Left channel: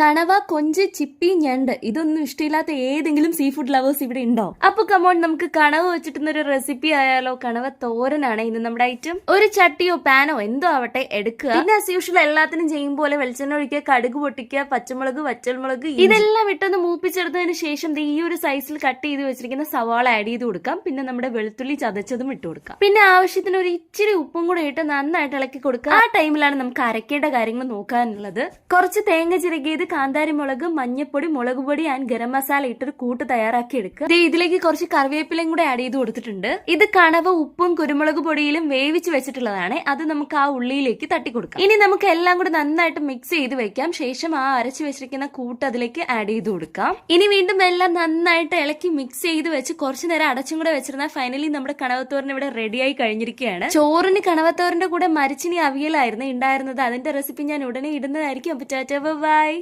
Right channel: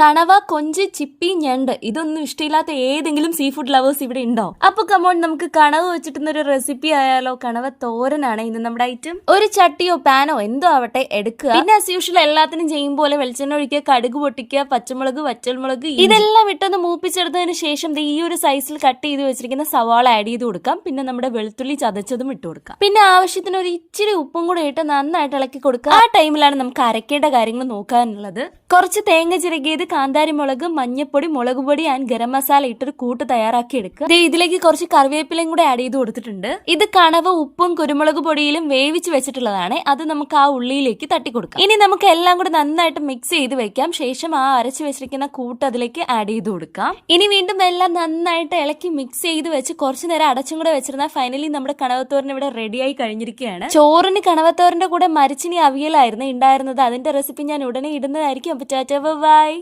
കണവ, കൊഞ്ച്, ചിപ്പി, ഞണ്ട് ഇതൊന്നും ഇഷ്ടമില്ലാത്ത ഏതെങ്കിലും സീ ഫുഡ് ലവേഴ്സ് ഇവിടെ ഉണ്ടോ? അപ്പൊ കമോൺ, നമുക്ക് കണവ വെച്ചിട്ടുന്നൊരു റെസിപ്പി ആയാലോ? കണവ തോരനാണ് ഇന്ന് നമ്മുടെ ഐറ്റം. ഒരു ചട്ടിയോ പാനോ എന്തോ ആവട്ടെ എടുക്കുക. പിന്നെ ആസ് യൂഷ്വൽ എല്ലാത്തിനും ചെയ്യും പോലെ വെളിച്ചെണ്ണ ഒഴിക്കുക, കടുക് പൊട്ടിക്കുക, പച്ചമുളക്, വറ്റൽമുളക് ഇതെല്ലാം ഇട്ടൊന്ന് മൂപ്പിച്ചെടുത്തതിന് ശേഷം ഈ ഒരു സൈസിൽ കട്ട് ചെയ്ത് വെച്ചിരിക്കുന്ന സവാള ആഡ് ചെയ്ത് കൊടുക്കാം. പിന്നെ നമ്മുടെ വെളുത്തുള്ളി ചതച്ചതും ഇട്ട് കൊടുക്കാം. പിന്നെ ആവശ്യത്തിന് ഒരു ഇച്ചിരി ഉപ്പും കൂടെ ഇട്ട് നന്നായിട്ട് ഇളക്കി കൊടുക്കുക. ആ ടൈമിലാണ് നമുക്ക് അരക്കേണ്ട കാര്യങ്ങൾ നോക്കാനുള്ളത്. കുറച്ച് തേങ്ങ ചിരകിയത്, കാന്താരി മുളക്, മഞ്ഞപ്പൊടി, മുളക് പൊടി ആൻഡ് ഗരം മസാല ഇട്ടൊരു കൂട്ട് തയ്യാറാക്കി എടുക്കുക. ഇതിലേക്ക് കുറച്ച് കറിവേപ്പിലയും കൂടെ ആഡ് ചെയ്ത് കൊടുത്തിട്ടുണ്ട്. ഇത് കണവ ഉപ്പും കുരുമുളക് പൊടിയിലും വേവിച്ച് വെച്ചിട്ടുള്ളതാണ്. അത് നമുക്ക് ആ ഉള്ളിയിലേക്ക് തട്ടിക്കൊടുക്കാം. ഇനി നമുക്ക് എല്ലാം കൂടെ നന്നായിട്ട് മിക്സ് ചെയ്ത് വെക്കാം. ശേഷം ആ അരച്ചു വെച്ചിരിക്കുന്ന കൂട്ട് അതിലേക്ക് ആഡ് ചെയ്ത് കൊടുക്കാം. ഇനി വീണ്ടും എല്ലാം നന്നായിട്ട് ഇളക്കി മിക്സ് ചെയ്ത് വെച്ച് കുറച്ചു നേരം അടച്ചും കൂടെ വെച്ചിരുന്നാൽ ഫൈനലി നമ്മുടെ കണവത്തോരൻ ഇവിടെ റെഡിയായി കഴിഞ്ഞിരിക്കുകയാണ്. ചോറിന് കണവത്തോരന്റെ കൂടെ മരിച്ചിനി അവിയലായിരുന്നു ഉണ്ടായിരുന്നത്. അതിന്റെ റെസിപ്പി ഞാൻ ഉടനെ ഇടുന്നതായിരിക്കും. അപ്പൊ ടാറ്റാ ബൈ.